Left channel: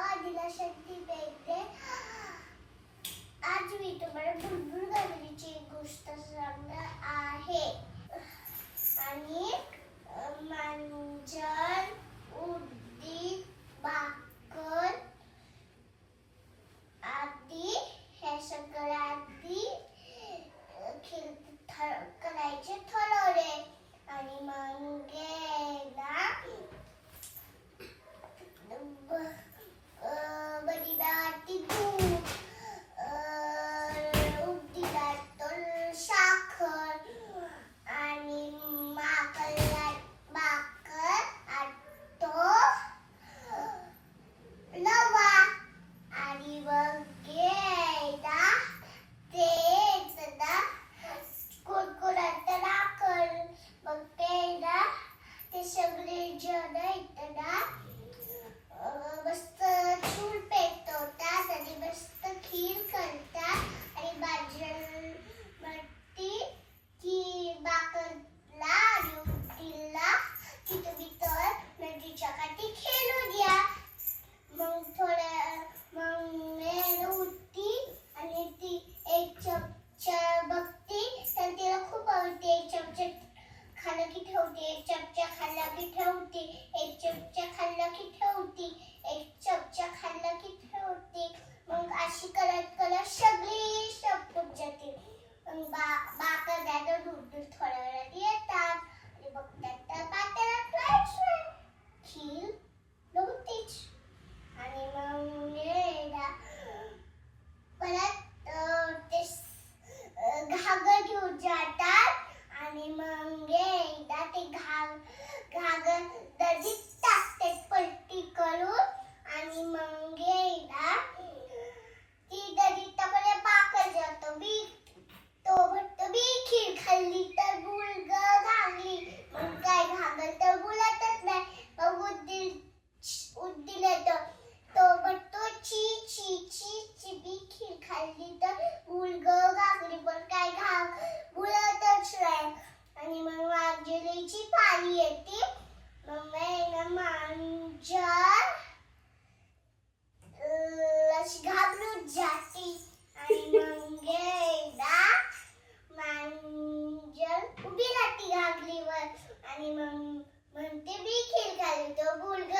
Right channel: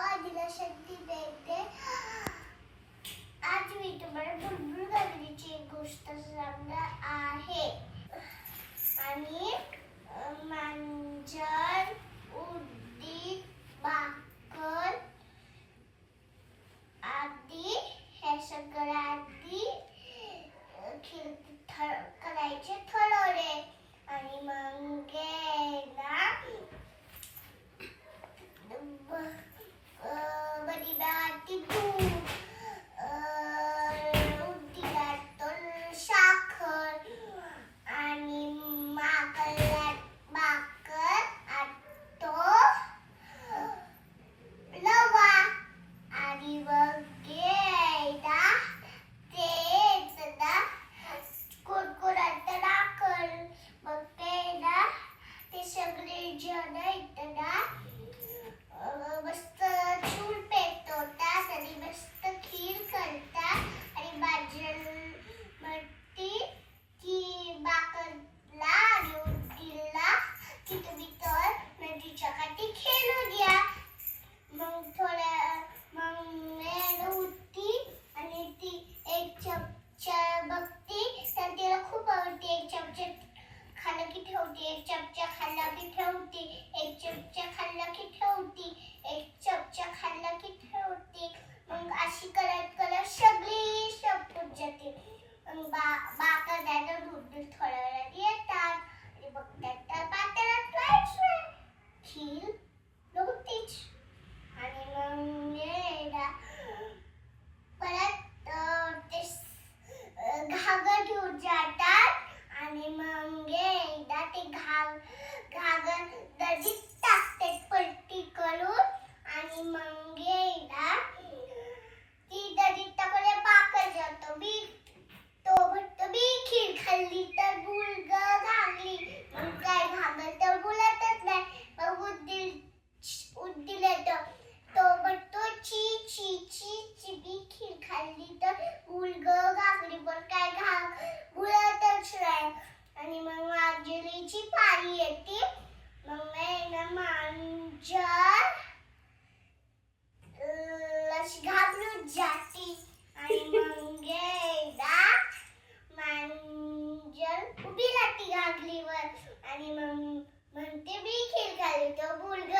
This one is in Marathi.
ലാവാ ജലശക്തി പേറ്റ് ठेवते एक चमचा खाल्ला की ठेवते. Дальдо Бульга.